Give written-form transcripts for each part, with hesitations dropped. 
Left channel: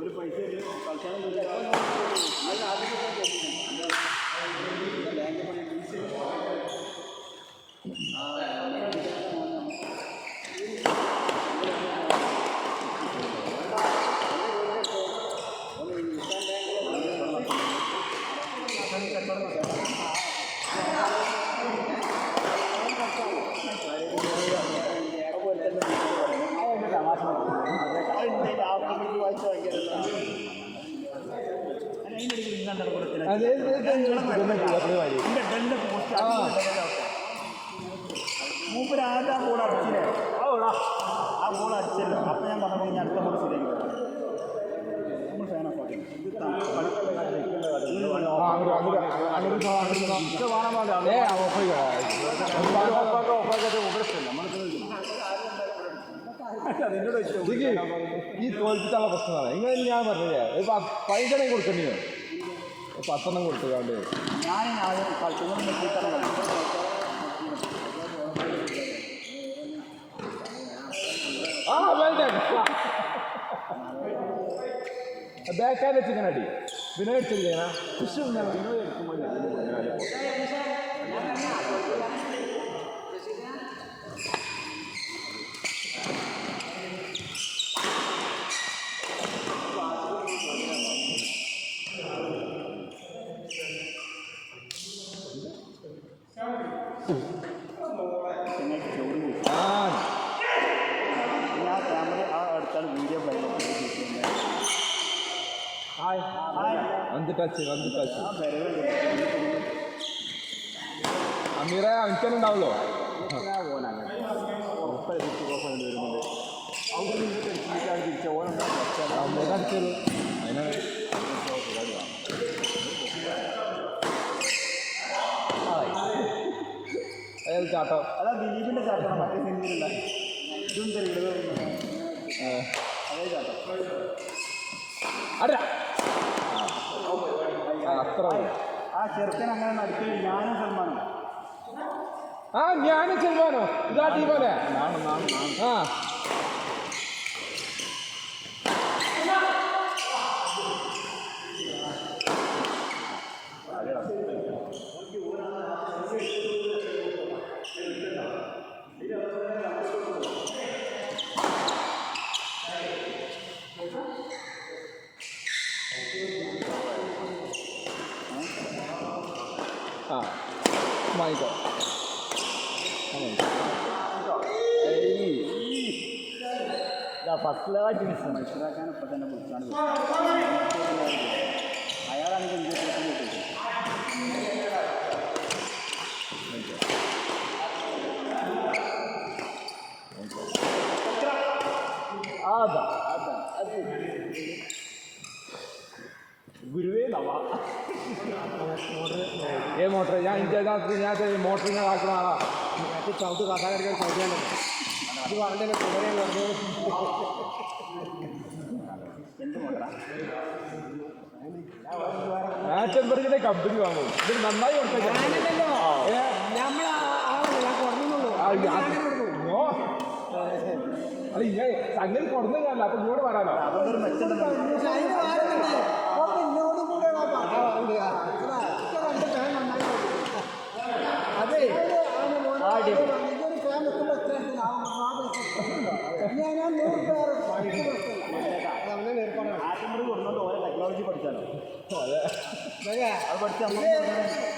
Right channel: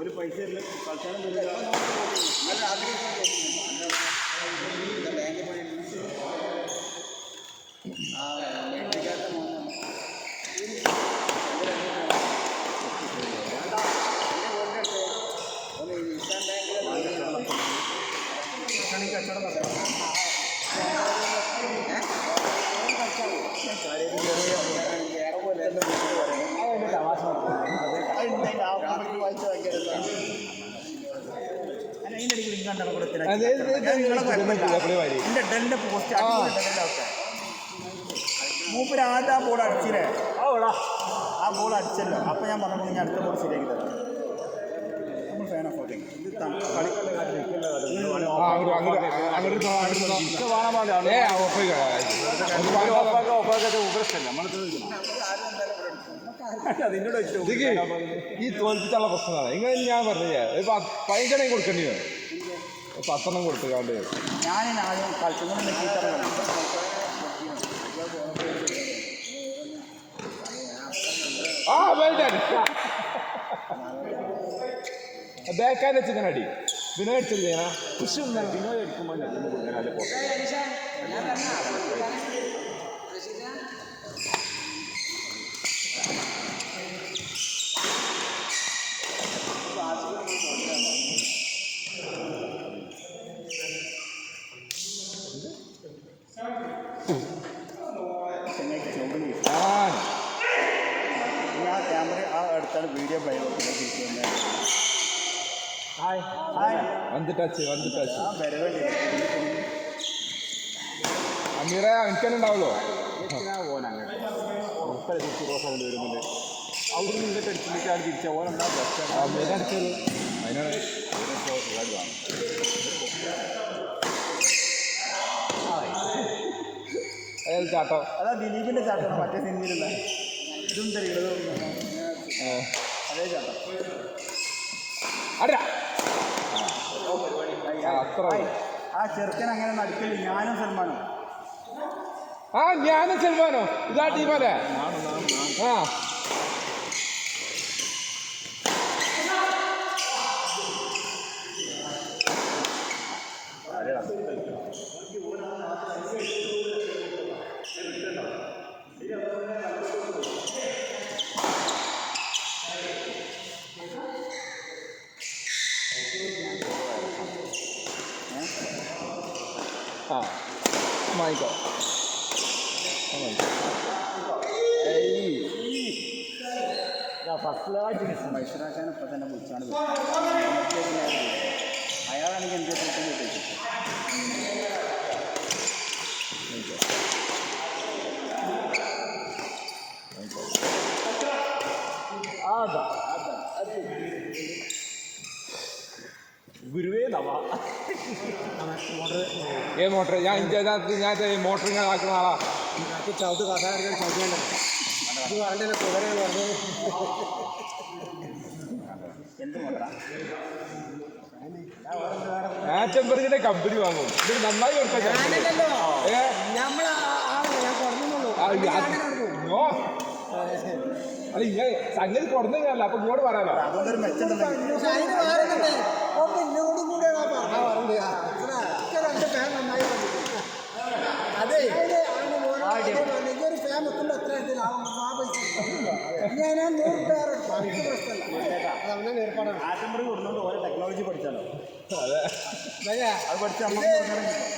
ഒരു പൈസ മൂപ്പര് ആദ്യം ആ ബോൾ അടിച്ചില്ലേ ആ ബോൾ അടിച്ചല്ലോ. അപ്പം ഞാൻ പറഞ്ഞു ഞാൻ അടുത്ത ബോൾ ശരിയാക്കി തരാം. നമ്മൾ ഫാൻ ഓഫ് ആക്കി ഈ തോൽപ്പിച്ചുള്ള പ്രശ്നമാണ്. ഇങ്ങനെ ഞാൻ പറഞ്ഞേ 15 കൊടുക്കേണ്ടി വരും. 10 കൊടുത്തുകാണ്ട് ഞാൻ ആദ്യം ബേക്കാൻ്റെ ചിക്കൻ അടി വിനോ അടിച്ചിരിക്കണ കൃഷി വിനോ എടുക്കുമ്പോൾ ടച്ച് അമീറ എനിക്കന്നെ ഉണ്ടാവുമല്ലോ. അടിച്ചോളൂ അതിനാണ് അതായത് ചാട്ടം. അതാ ദിലീപിന്റെ ചാട്ടം മറ്റേ സിനിമയിലുള്ള ഇതും തരിക അതേ ചാട്ടം. അത്ര ആ ചെറുക്കൻ അങ്ങനെ നടക്കില്ല. ഞാനും സൽമാനോ ഞാനും സൽമാനോ ഇതാ ടീമല്ലേ. വാങ്ങിക്കോ. ഫസ്റ്റിലായിട്ട് മനസ്സിലാക്കാൻ ഇപ്പം തന്നെ വിളിച്ചാണ്. അയാളാണെങ്കിൽ എന്ത് ഗുരുവേ നവ മോട്ടർ ഞാൻ മോട്ടർ ഇങ്ങനെ ആക്കണ ആളാ. ചവിട്ട് കഥാകാരൻ ചവിട്ടേണ്ട ഇത് പറഞ്ഞ തുടരെ പറഞ്ഞു. ആറ്റംബർഗിന്റെ കമ്പനി വാങ്ങും. ഇത് നന്നായി കൊടുക്കാം. അല്ല ഇങ്ങനെ സംഗതി കുറഞ്ഞല്ല. അപ്പൊ ഇങ്ങോട്ട് പറയാലോ. അതെ ആറ്റമ്പറി കൊടുത്തോണ്ട് ഓരോ ടെക്നോളജി പഠിച്ചാലോ അതെ അത് പഠിച്ച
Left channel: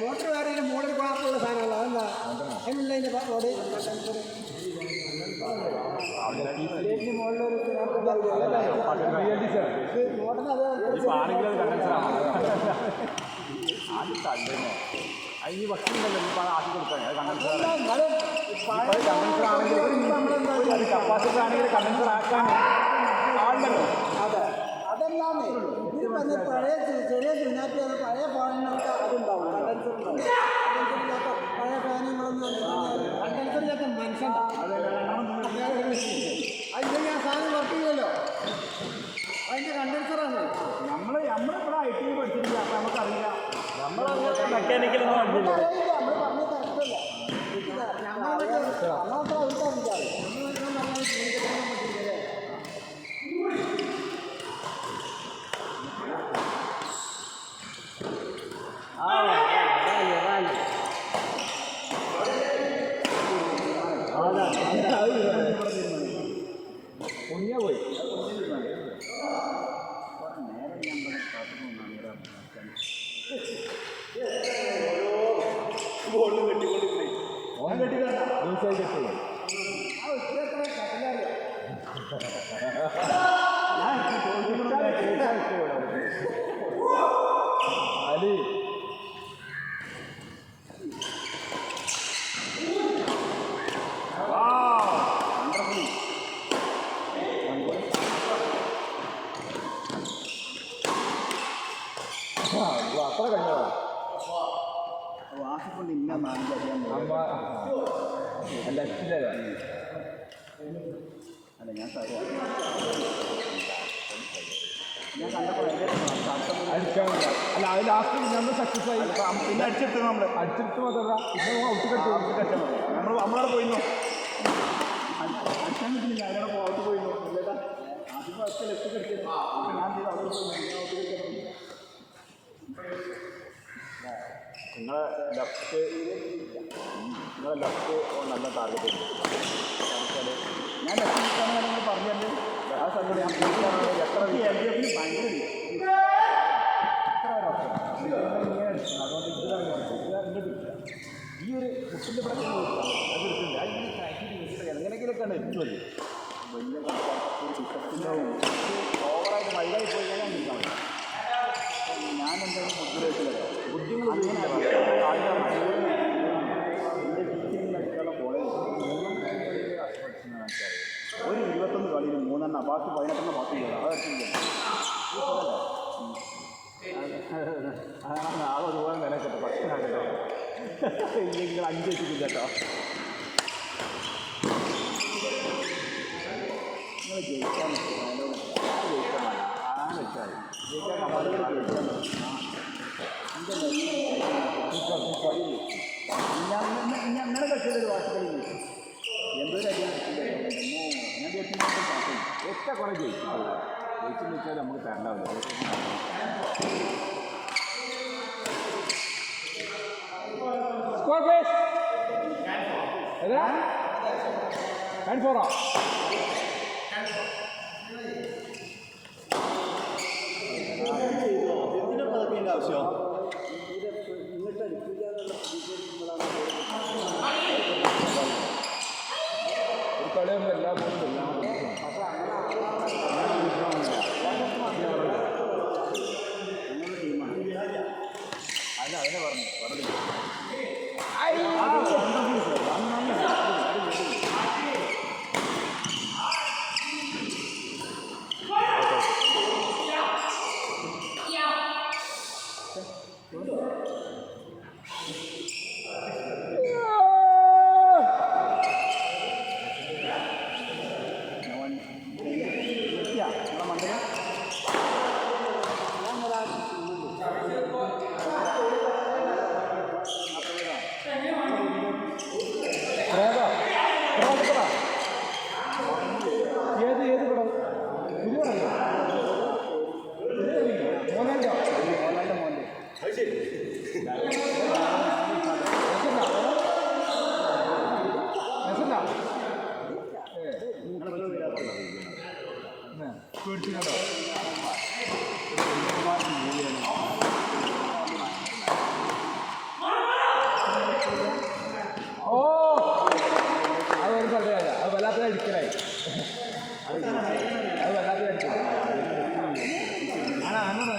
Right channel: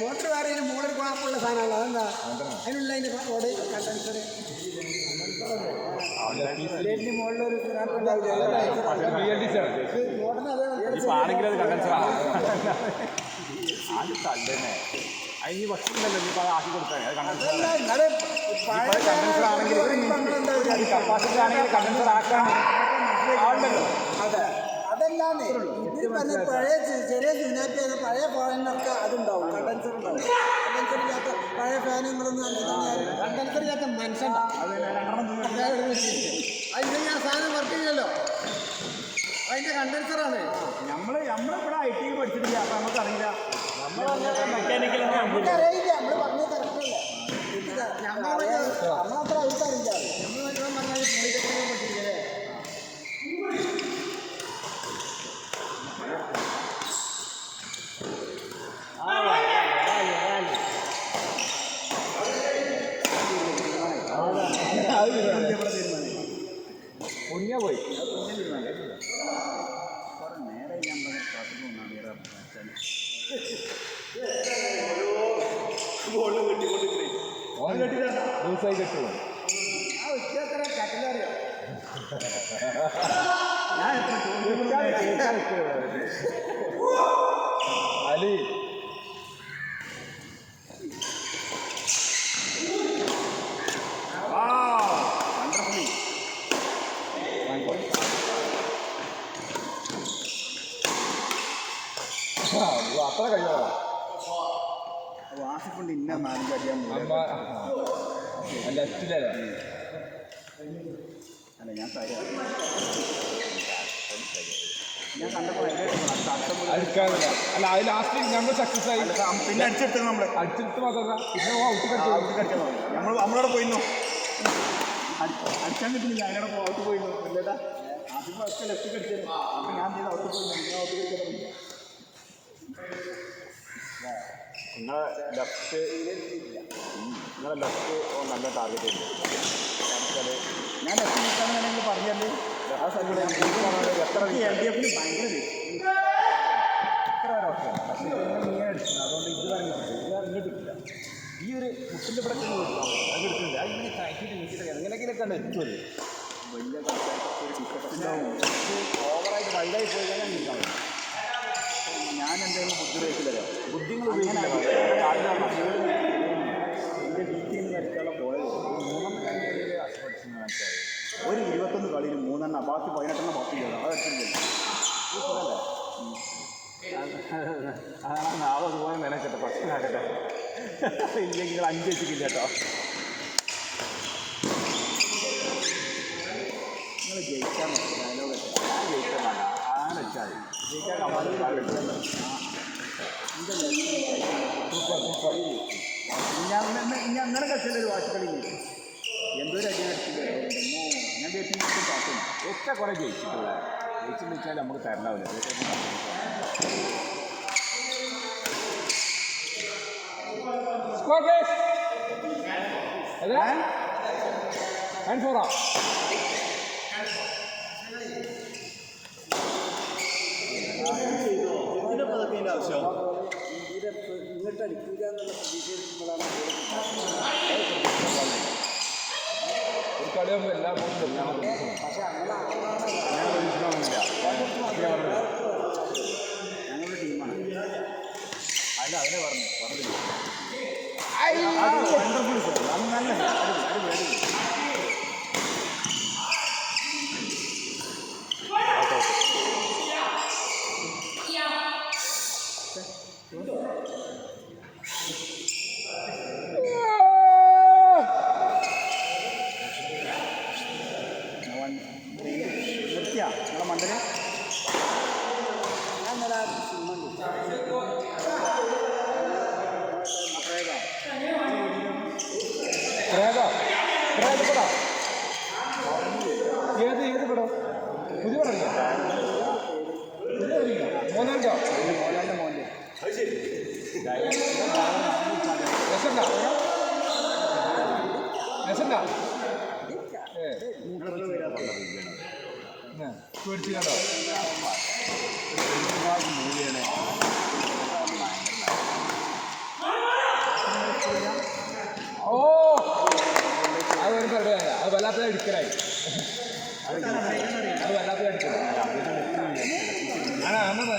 മോട്ടർ മാറിയ മോളിൽ കുഴപ്പമുള്ള സാധനമല്ല അതെന്താ അതിനുള്ള അതിൻ്റെ റോഡ് കണ്ടൻസർ മുകളിലൊരു മോട്ടറിന് അതേ അതിന് ഭക്ഷണമല്ലോ ഇപ്പൊ അത് ആക്കി കൊടുത്താൽ കണ്ടൻസർ കപ്പാസിറ്റി ആണെങ്കിൽ കണ്ടൻസർ ആക്കാൻ ആളുണ്ടല്ലോ അതല്ലാന്ന് ഇത് പറഞ്ഞ പഴയ ചെറിയ ചുനാറ്റിയാണ് പഴയ ഫാനിനൊക്കെ അതുണ്ടാവും കണ്ടൻസർ ഉണ്ടാവും കണ്ടൻസർ ഇല്ലാത്ത പഴയ ഫാനുകളൊന്നും കണ്ടൻസർ ഇല്ലാത്ത മനുഷ്യണ്ടാവും അതിൻ്റെ ഞാൻ സാധനം വർക്ക് ചെയ്യല്ലോ അതിൻ്റെ കണ്ടൻസറാണ് നമ്മളിവിടെ ഐ ടി പഠിച്ചിട്ടില്ല അപ്പം നമുക്കറിയില്ല മെക്കാനിക്കൽ നമ്മൾ പറഞ്ഞ കറക്റ്റല്ലേ ഞങ്ങളെ പൊങ്ങിയാ പോയി ദിവസമായി കെട്ടുള്ളൂ അലി അത്ര കഴിഞ്ഞോ വാസിക്കൊണ്ട് ഇന്ന മാനേജ് അമ്മ ലെഫ്റ്റിലല്ലേ അല്ല ഞാൻ ഞാൻ കണ്ടപ്പോൾ അടുക്കാനില്ല അല്ല അത് ലാസ്റ്റ് നമ്മൾ സക്സസ് ആയി പിന്നെ അടിച്ചെടുത്ത് നമ്മൾ അടിച്ചെടുത്ത് മാത്രമല്ല പിന്നെ ഔട്ട് കളിച്ചു നമ്മളവിടെ പോയിരുന്നു അടിച്ചാൻ കിട്ടുന്നില്ല അതിനോട് ഔട്ട് പോയിരുന്നു അല്ലേട്ടാ ആദ്യം ഒക്കെ ലെഫ്റ്റ് കടിച്ചത് ഞാൻ ചെയ്ത് അവിടെ പോയി നിങ്ങളെ ലെഫ്റ്റ് നല്ല ടാർഗറ്റ് ഉണ്ട് ഞാൻ ലെഫ്റ്റ് നിൽക്കാമെന്ന് നിങ്ങൾ പറഞ്ഞാൽ ആ സ്ഥലത്ത് എത്ര എൽ ഡി എഫിന് ഭയങ്കര എത്ര ഒരവസ്ഥ ഇങ്ങനെ അടിച്ചു അതുകൊണ്ട് ഇത് അതിൻ്റെ കിട്ടില്ല ഈ ഒരു ബുക്കിൻ്റെ ഇവിടെ അത് എടുക്കുന്നുണ്ട് അത് ഈ സാക്കിയിട്ട് നോക്കിയിട്ട് എങ്ങനെയൊക്കെയൊക്കെയാണ് എത്തുമല്ലോ വലിയ ഓവറായിട്ട് വൈഡായി പോയി കഴിഞ്ഞാൽ നിൽക്കാം ഞാൻ എന്തായാലും ബുദ്ധിമുട്ടില്ല ബുദ്ധിമുട്ട് ഒരു 21 കളിയിൽ 3 ബാക്കി 18 ബാക്കി അതാണ് നാളെ ഒരുപാട് നിലക്കട്ടെ ഭക്ഷണമാക്കട്ടെ ഇല്ലെങ്കിൽ 5 വെച്ചിട്ടില്ല കേട്ടോ നിങ്ങൾ ജയിക്കാൻ ജയിക്കാൻ ആരെ വെച്ചാൽ ജയിക്കാൻ ഞാൻ അങ്ങനെ കളിച്ചൊരു വാശിക്കളി എന്തൊരു അടിയാണ് ഞാൻ ഒറ്റ കുറെ ജയിച്ചു ജയിച്ചെന്ന് വെച്ചാൽ നമുക്ക് തരണ്ടാവില്ല സ്കോർ പ്ലീസ് ഏതാ ആൻഡ് ഫോറാ എന്തിനാ അതൊക്കെ ആവശ്യം ഒരു കളിയാകുമ്പോൾ എല്ലാ ബോളും അല്ല അതിനെ പറഞ്ഞില്ല പേടിച്ചു കേട്ടോ. ഓ അത് ഒരു കളിയല്ല, അത് വല്ലാത്ത അടിക്കലായി. അത് വല്ലാത്ത അടിക്കലായി. ആണോ അന്നതാ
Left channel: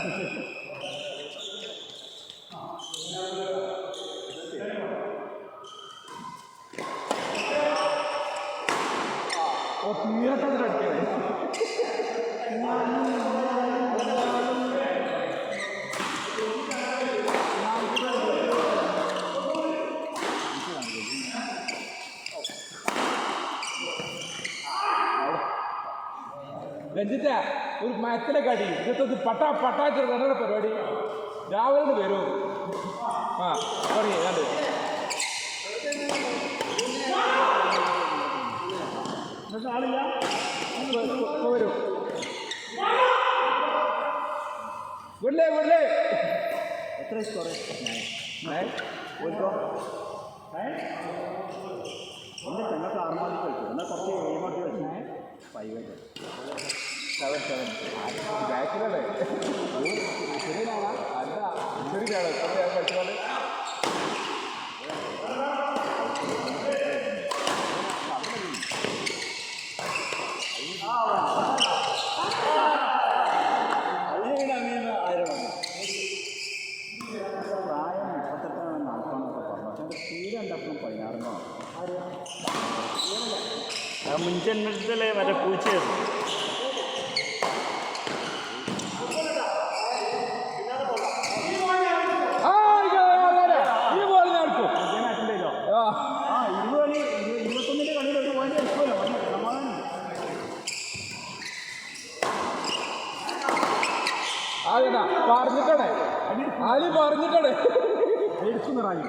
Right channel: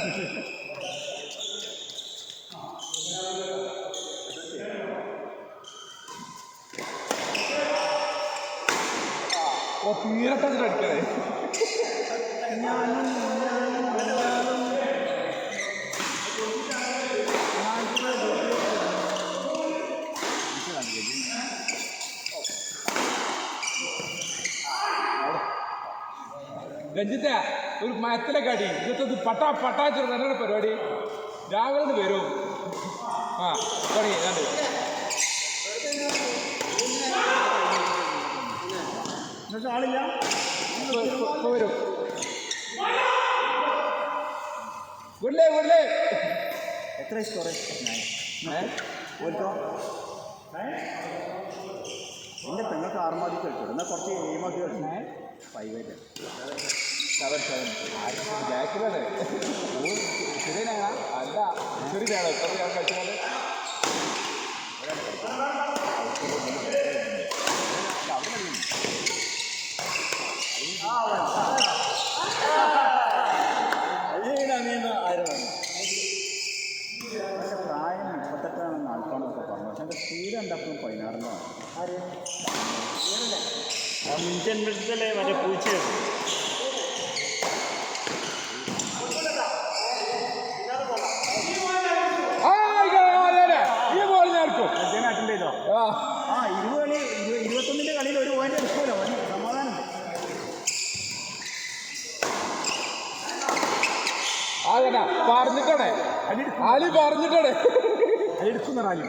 ഓ തീരത്തെ അടിക്കലേ. രഞ്ജിത്ത ഒരു മരത്തിലൊക്കെ അടി ഇതൊക്കെ പട്ടാച്ചൊരു തന്നെയാണ് പരിപാടി. രാവിലെ വരും. ആ തുടങ്ങി കണ്ടു ആളില്ല വരും. ഗുഡ്ലേ ഗുഡ്ലേ എത്ര സ്കോർ എൻ്റെ പെങ്ങൾക്ക് 6 മതി കളിച്ചു. എന്നാൽ കുറച്ച് 7 മതി കളിച്ചു. 5 ബാക്കിലല്ലേ ശരിയാണ്. അല്ല ശരിയാണ്. എത്ര ഞാൻ കളിച്ചാൽ പ്രായം 38 നടക്കണമെന്നൊക്കെ പറഞ്ഞു. പക്ഷെ എൻ്റെ തീരെ ഉണ്ടാക്കണം 16 മുൻജന്മത്തിലെ മറ്റേ പൂച്ചയാണ്. ഈ ബോൾ നടക്കും. അറ്റൻഡ് ചെയ്തോ? ആ 20 കളി 21ൻ്റെ കളിയിൽ ഒരു പോയിന്റ് എടുക്കുമല്ലോ. സമാധാനം. അതന്നെ പറഞ്ഞിട്ടാണ് ആലി പറഞ്ഞിട്ടാണ്. എടുക്കുന്ന റാങ്ക്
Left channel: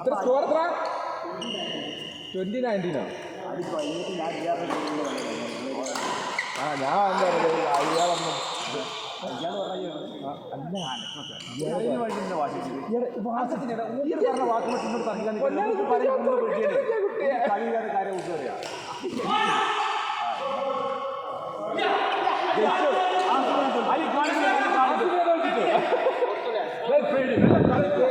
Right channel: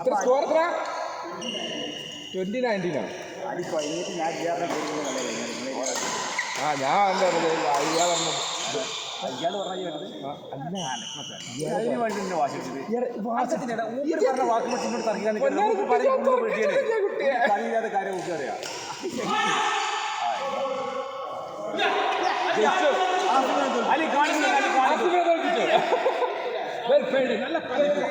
എത്ര സ്കോർ എത്ര? 2019 അടി കഴിഞ്ഞിട്ട് ഞാൻ ആ ഞാൻ എന്താ അയ്യാൾ ഇയാൾ പറഞ്ഞ കാര്യം ജയിച്ചു.